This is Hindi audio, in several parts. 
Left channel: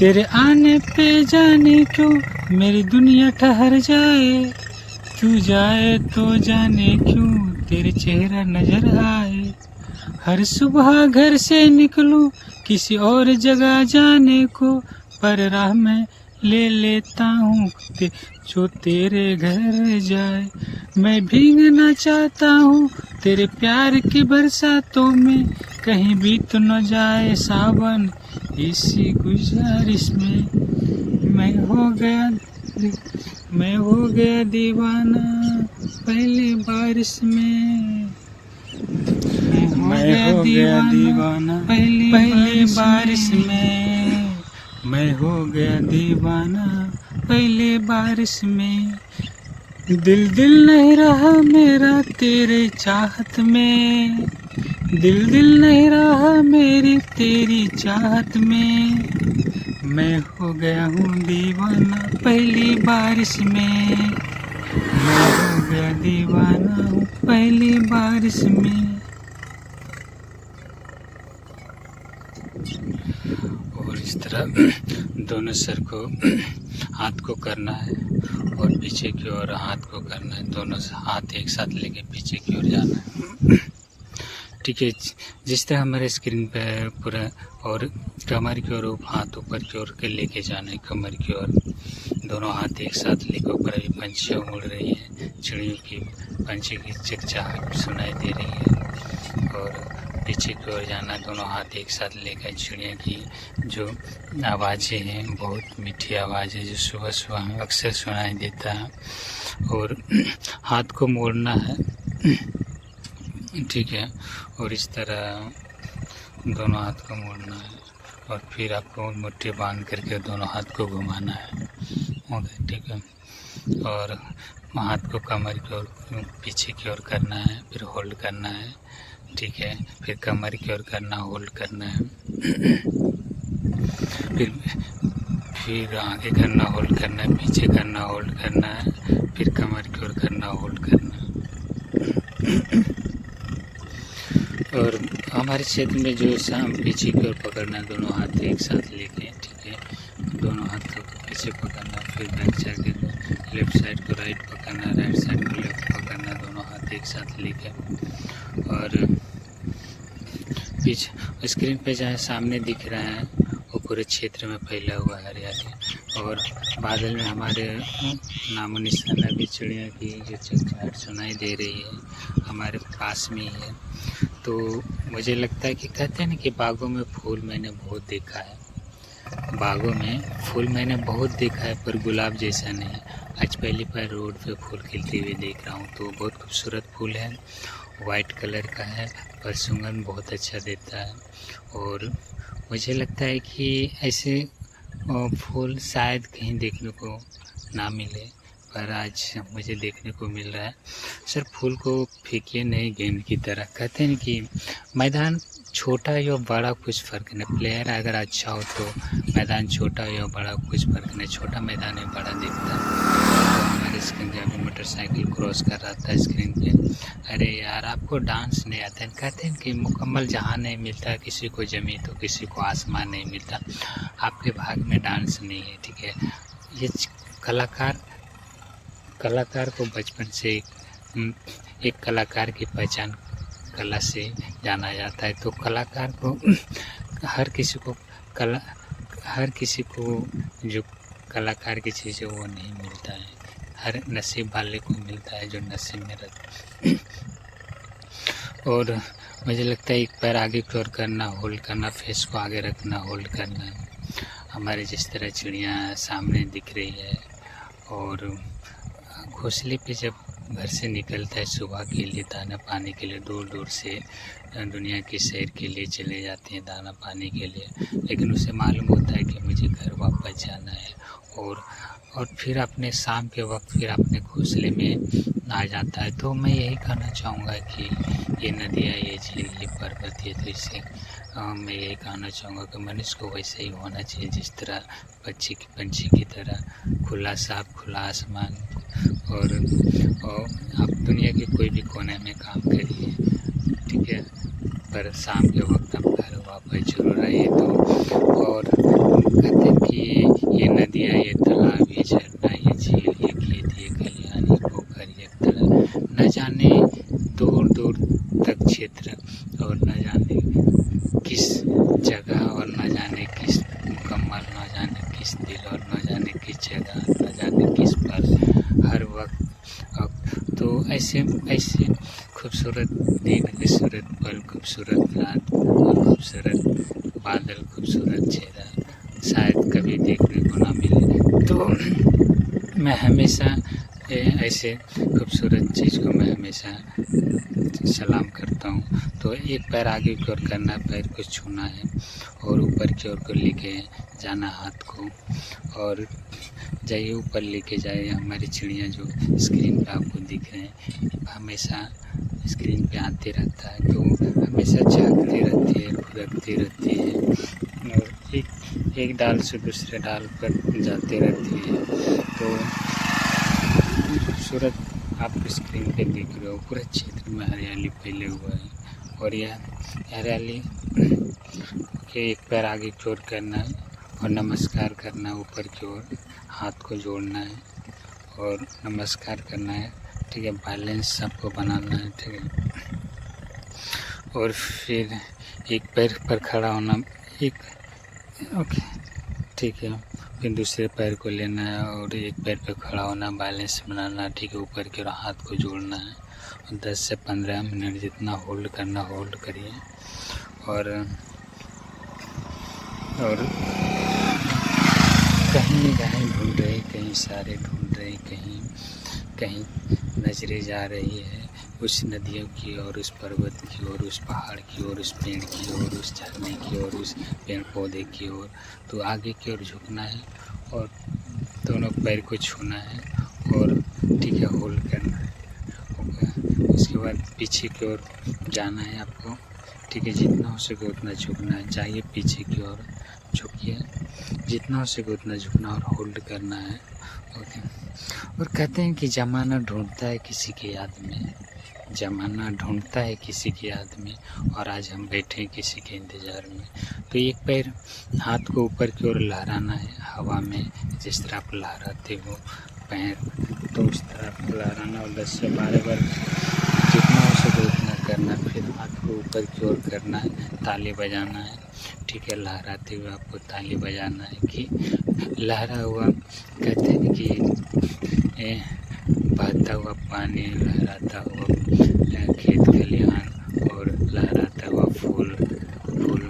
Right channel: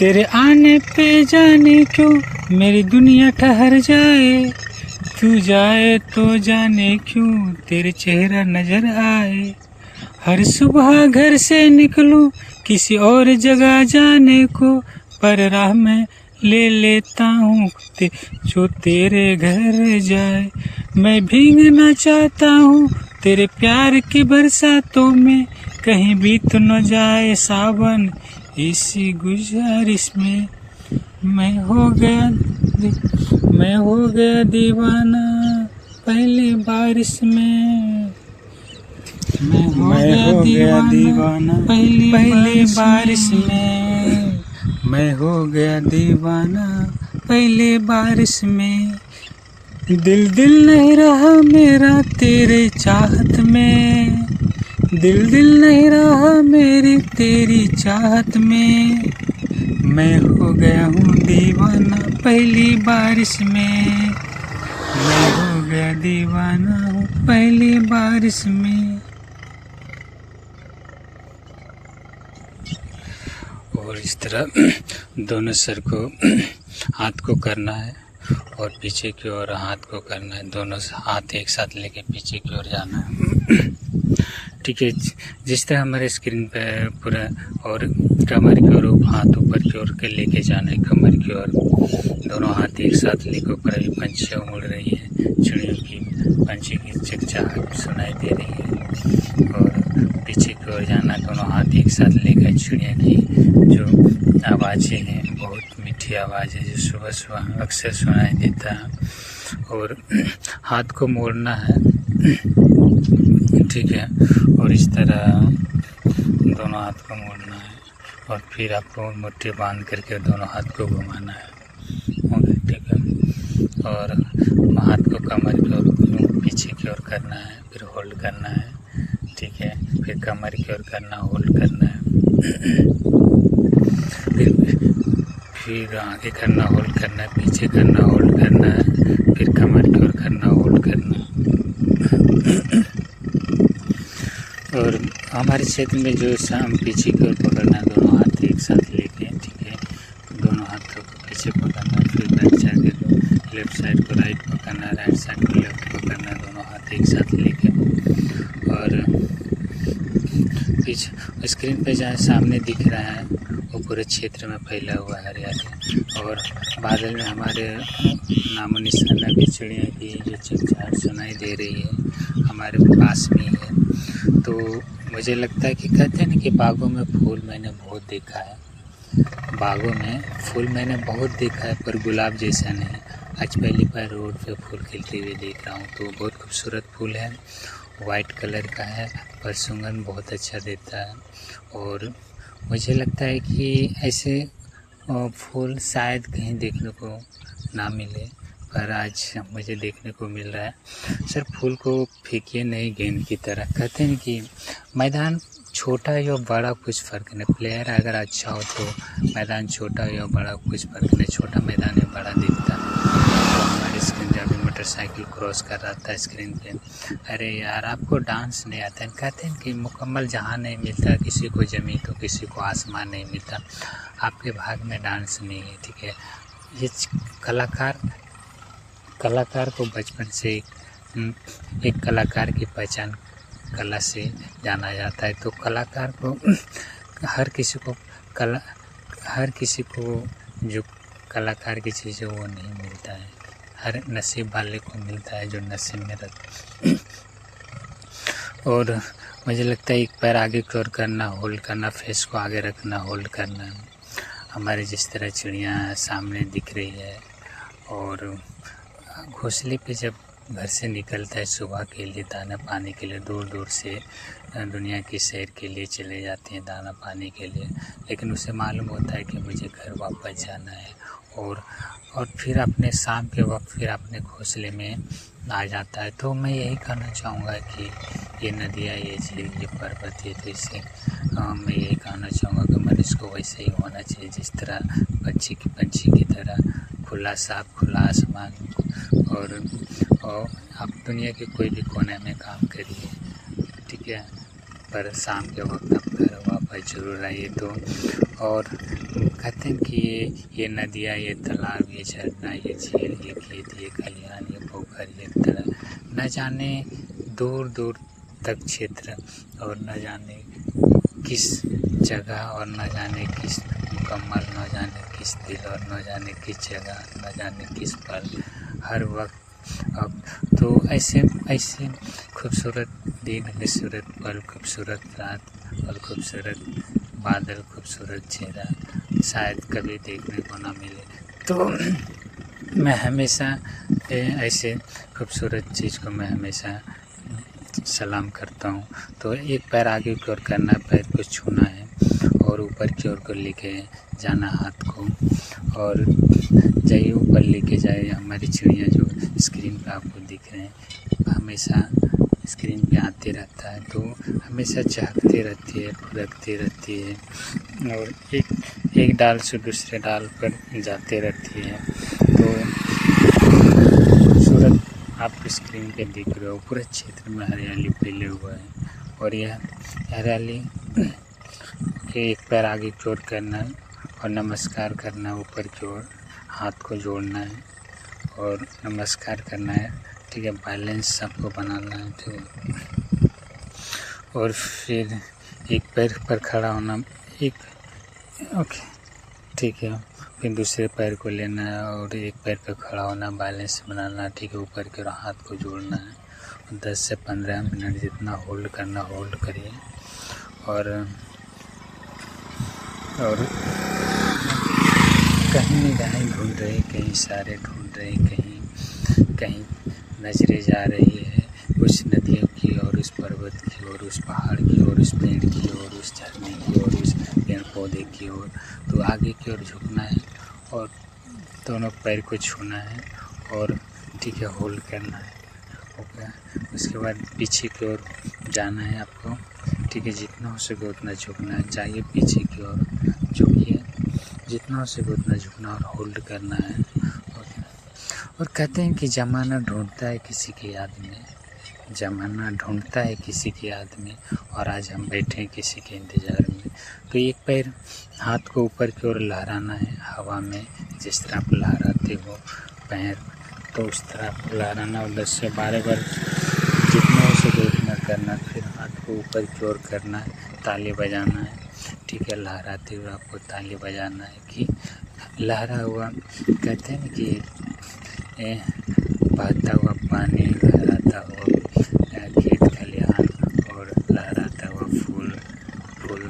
तेरे आने पे जाने क्यों मेरी दुनिया ठहर जाए, तू जाए तो जाने क्यों तेरे चेहरा नजर आए। हर सुबह घर से निकलूं किसी और जगह जाने को, पर राह में ले लेता हूँ जो तेरे घर जाए। मैं भीगना चाहता हूँ तेरे प्यार की बरसातों में, कहीं बीत न जाए सावन इसी गुजारिश में। मैं हो गया दीवाना पहले बारिश में, मैं हो गया दीवाना पहले बारिश में, मैं हो गया दीवाना पहले बारिश में। दिल नहीं रहा मेरा तेरे चाहत में, दिल नहीं रहा मेरी तेरी चाहत में। मैं हो गया हूँ दीवाना पहली बारिश में, मैं हो गया दीवाना हूँ पहली बारिश में। और इस तरह दोनों सर को हाथ को करना है और पीछे की ओर हाथ को करना है, दोनों हाथ एक साथ लेके पीछे की ओर जाना है। ठीक है, जिस तरह हमारे स्क्रीन पे पूरा, और कमर की ओर हाथ ऊपर की ओर के लेके जाना है, कमर की ओर दोनों हाथ एक साथ लेकर ऊपर। अभी पंछियाँ उड़ रही है, चिड़ियों की पंछी की चहचहाहट सुनाई दे रही है। और पीछे की ओर जाना, दोनों हाथ एक साथ लेकर चिड़िया की जो आवाज़ें हैं, बहुत मीठी आवाज़ है जो सुबह सुबह अक्सर सुनाई देता है। और हाथ को मोड़ना है, ठीक है, और इस तरह दोनों हाथ को मोड़ना है और फिर आपको मुट्ठी बांध करके दोनों हाथ को घुमाना है। ओके, ठीक है, और हाथ को कमर की ओर पीछे की ओर करना है, फिर होल्ड करना है, ठीक है, फिर कमर की ओर करना, होल्ड करना है, फिर आगे करना, होल्ड करना है, पीछे करना, होल्ड करना है, फिर कमर की ओर करना, होल्ड करना। और हमारे क्षेत्र में जो शाम पीछे की ओर पकड़ना है, दोनों हाथ एक साथ लेके, ठीक है, दोनों हाथ को पीछे पकड़ना, फिर बैक जाके लेफ्ट साइड को राइट पकड़ना, राइट साइड को लेफ्ट पकड़ना, दोनों हाथ एक साथ लेके। और पीछे स्क्रीन पे जहाँ सामने दिख रहा है वो पूरे क्षेत्र में फैला हुआ है हरियाली, और बादल में हमारे नामो निशान भी चिड़िया की जो चहचहाहट सुनाई दे रही है हमारे पास में ही है। तो मुझे लगता है कि कहते हैं ना कि बागों में फूल मैंने बहुत देखा है, बागों में फूल मैंने बहुत देखा है, पर गुलाब जैसा नहीं। आज पहली बार रोड पे फूल खिलते हुए देख रहा हूँ, तो बहुत खूबसूरत फूल है, वाइट कलर का है, पर सुगंध बहुत अच्छा देता है। और मुझे लगता है कि ऐसे फूल शायद कहीं देखने को ना मिले, पर आज मुझे देखने को मिल रहा है। सर, फूल को फेंकिए नहीं गेंद की तरह। कहते हैं कि मैदान छोटा या बड़ा कुछ फ़र्क नहीं, प्लेयर अगर अच्छा हो तो मैदान छोटा या बड़ा कुछ फ़र्क नहीं, छोटा मैदान में बड़ा दिखता है। तो हमारे स्क्रीन जब भी मोटरसाइकिल क्रॉस कर रहा था स्क्रीन पे, अरे यार आपको डांस नहीं आता है। कहते हैं कि मुकम्मल जहाँ नहीं मिलता, किसी को ज़मीन तो किसी को आसमान नहीं मिलता, आपके भाग में डांस नहीं है, ठीक है। ये कलाकार को बचपन से एक कलाकार की पहचान कला से जाना जाता है। तो कलाकार को हर किसी को जो कलाकार की चीज़ है वो नहीं मिलता है, हर नसीब वाले को मिलता है जो नसीब में रहता। और मुझे लगता है एक पैर आगे की ओर करना, होल्ड करना, फेस को आगे रखना, होल्ड करना। हमारे जिस तरह चिड़िया सामने दिख रही है, और घोंसले पे जब घर से निकलता है सुबह के लिए दाना पानी के लिए, दूर दूर से दुनिया की सैर के लिए चले जाते हैं दाना पानी के लिए, लेकिन उसे मालूम होता है कि मुझे घर वापस जाना है। और फिर अपने शाम के वक्त फिर अपने घोंसले में आ जाता है। तो मैं यही कहना चाहूँगा कि ये नदियाँ, ये झील, ये पर्वत, ये तो इससे मैं यही कहना चाहूँगा कि मनुष्य को वैसे ही होना चाहिए, जिस तरह पंछी की तरह खुला साफ खुला आसमान। और आप दुनिया के कोई भी कोने में काम करिए, ठीक है, पर शाम के वक्त आप घर वापस जरूर आइए। तो और कहते हैं कि ये नदियाँ, ये तालाब, ये झरना, ये झील, ये खेत, ये खलिहान, ये पोखर, ये तालाब, न जाने दूर दूर तक क्षेत्र, और न जाने किस जगह, और न जाने किस मुकम्मल, न जाने किस दिल, और न जाने किस जगह, न जाने किस पल, हर वक्त। अब तो ऐसे ऐसे खूबसूरत दिन, खूबसूरत पल, खूबसूरत रात और खूबसूरत बादल, खूबसूरत चेहरा शायद कभी देखने को ना मिले। तो मैं हमेशा ऐसे खूबसूरत चीज़ को मैं हमेशा सलाम करता हूँ। तो एक पैर आगे की ओर करना, पैर को छूना है और ऊपर की ओर को लेके जाना हाथ को, और जाइए ऊपर लेके जाए। हमारी चिड़िया जो स्क्रीन पे आपको दिख रहे हैं, हमेशा स्क्रीन पे आते रहता है, तो हमेशा झांकती रहती है, खुरकती रहती है, और एक डाल से दूसरे डाल पर जाते रहती है। तो खूबसूरत आप स्क्रीन पे देख रहे हो, पूरे क्षेत्र में हरियाली फैले हुआ है, और यह हरियाली के एक पैर आगे की ओर करना है और नमस्कार करना, ऊपर की ओर हाथ को जोड़ना है और नमस्कार करना है, ठीक है। बैलेंस सबको बनाना है, ठीक है। और फिर एक पैर पर खड़ा होना, ओके, ठीक है। फिर दूसरे पैर को लेना है और एक पैर पे खड़ा होना, बैलेंस बनाना, ठीक है। ऊपर की ओर हाथ को जोड़ना है और 10 से 15 मिनट जितना होल्ड करना होल्ड करिए, और कहीं निगाहें ढूंढ रही, कहीं सारे ढूंढ रहे, कहीं नजरें जा रही है उस नदियों की और उस पर्वत की और उस पहाड़ की और उस पेड़ की और उस झरने की और उस पेड़ पौधे की ओर। तो आगे की ओर झुकना है और दोनों पैर को छूना है और ठीक है, होल्ड करना है, ओके। उसके बाद पीछे की ओर जाना है आपको, ठीक है। जितना हो सके उतना झुकना है, चाहिए पीछे की ओर झुकिए, जितना हो सके उतना झुकना और होल्ड करना है, ओके। और कहते हैं कि ज़माना ढूंढता है किसी की याद में, ज़माना ढूंढता है किसी की याद में, और आज हम बैठे हैं किसी के इंतज़ार में। तो एक पैर हाथ को ऊपर की ओर लहराना है हवा में, जिस तरह आप लहराते हो पैर, तो उस तरह आपको लहराना और 10 से 12 बार जितना हो सके उतना करना। फिर हाथ को ऊपर की ओर करना है, ताली बजाना है, ठीक है। लहराते हुए आपको ताली बजाना है कि लहरा हुआ, कहते हैं कि बहता हुआ पानी, लहराता हुआ खेत खलिहान और लहराता हुआ फूल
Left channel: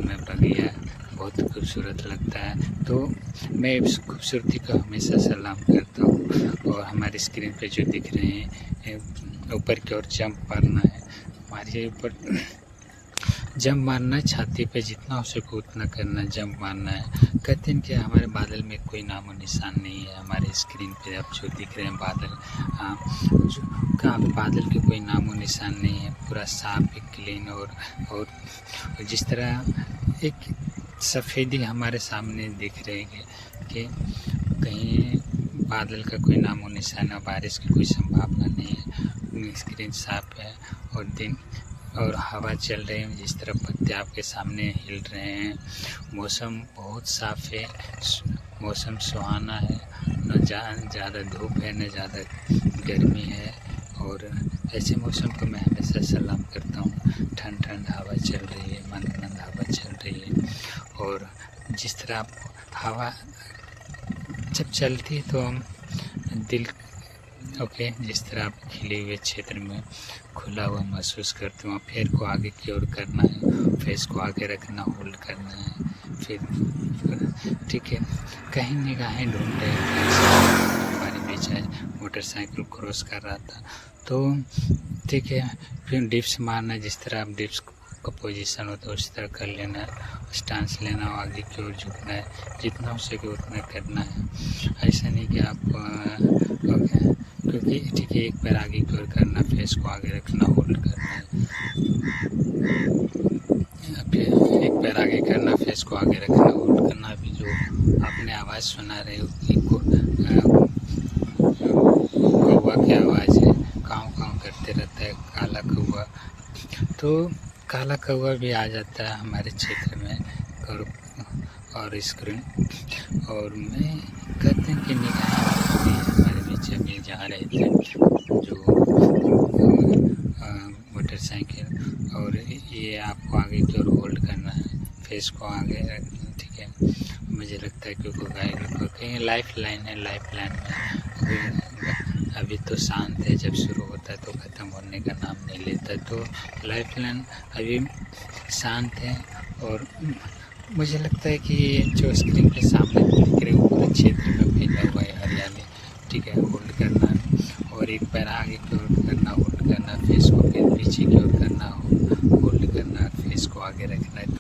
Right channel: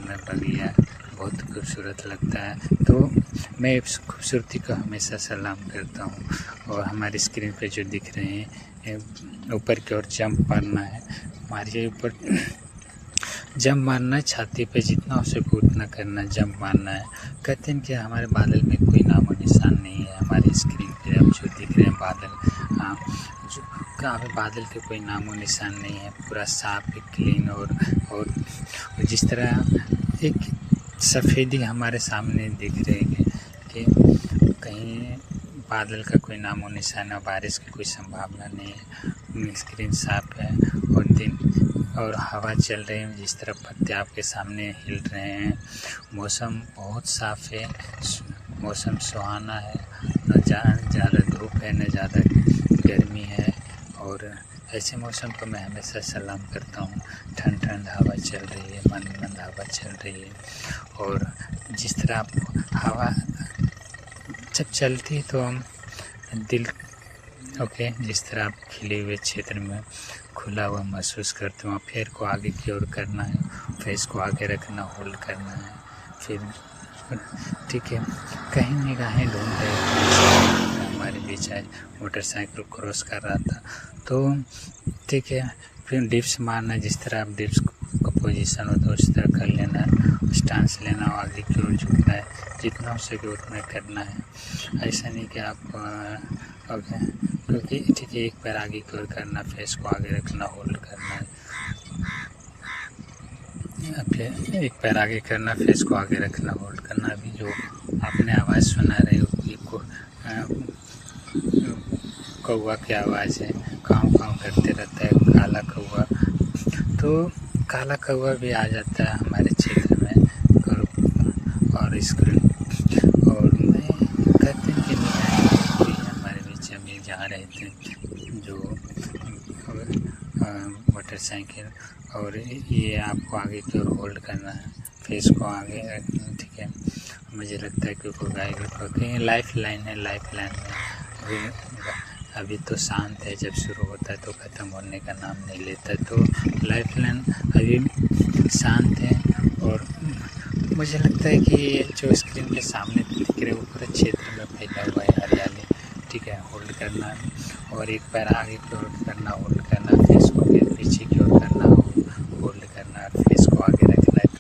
में बगिया बहुत खूबसूरत लगता है। तो मैं इस खूबसूरती को हमेशा सलाम करता हूँ। और हमारी स्क्रीन पे जो दिख रहे हैं, ऊपर की ओर जंप मारना है, मारिए ऊपर, जंप मारना है, छाती पे जितना हो सके उतना करना, जंप मारना है। कहते हैं कि हमारे बादल में कोई नामो निशान नहीं है। हमारे स्क्रीन पे अब जो दिख रहे हैं बादल, बादल के कोई नामो निशान नहीं है, पूरा साफ है, क्लीन, और जिस तरह एक सफ़ेदी हमारे सामने दिख रही है कि कहीं बादल का कोई नामो निशान और बारिश की कोई संभावना नहीं है। स्क्रीन साफ है और हवा चल रही है, जिस तरह पत्ते आपके सामने हिल रहे हैं। मौसम बहुत साफ है, मौसम सुहाना है, न ज़्यादा धूप है न ज़्यादा गर्मी है। और ऐसे मौसम को मैं हमेशा सलाम करता हूँ। ठंड हवा चल रही है, मंद हवा चल रही है, और जिस तरह आप हवा जब चलती है तो हम दिल, ओके, जिस तरह आप खिले हुए क्षेत्र में खुला हुआ महसूस करते हो। पैर को आगे की ओर करना है, फेस को आगे रखना, होल्ड करना है, फिर ठीक है। कहीं निगाहें ढूंढ रहे हैं, हमारे बीच आज मोटरसाइकिल क्रॉस कर रहा था, तो ठीक है। फिर डिप्स मारना, जिस तरह आप डिप्स का पोजीशन होता है उस तरह कर लेना, स्टांस लेना, आगे की ओर झुकना है, जितना हो सके उतना करना है। ऐसा नहीं कि आप ओके, क्योंकि ठीक है, एक पैर आगे की ओर करना, फेस को आगे रखना, होल्ड करना है, फिर एक पैर आगे करना, फेस को आगे रखना, होल्ड करना। अभी जो आपने आवाज़ सुना रहे हो कि कौवा की आवाज़ है, काँव काँव करते रहता है काला कौवा। तो काला कौवा भी आ जाता है हमारे क्षेत्र में, और स्क्रीन। और मैं कहते हैं कि निगाहें भी हमारे बीच अभी जा रहे थे जो मोटरसाइकिल। और ये आपको आगे की ओर होल्ड करना है, फेस को आगे रखना, ठीक है। मुझे लगता है कि कोई गाइड कहीं लाइफ लाइन है, लाइफ लाइन में अभी तो शांत है, जब शुरू होता है तो ख़त्म होने का नाम नहीं लेता। तो लाइफ लाइन अभी शांत है। और मुझे लगता है कि ये जो स्क्रीन के सामने दिख रहे वो पूरे क्षेत्र में फैला हुआ है हरियाली, ठीक है। होल्ड करना और एक पैर आगे की ओर करना, होल्ड करना, फेस को फिर पीछे की ओर करना, होल्ड करना, फेस को आगे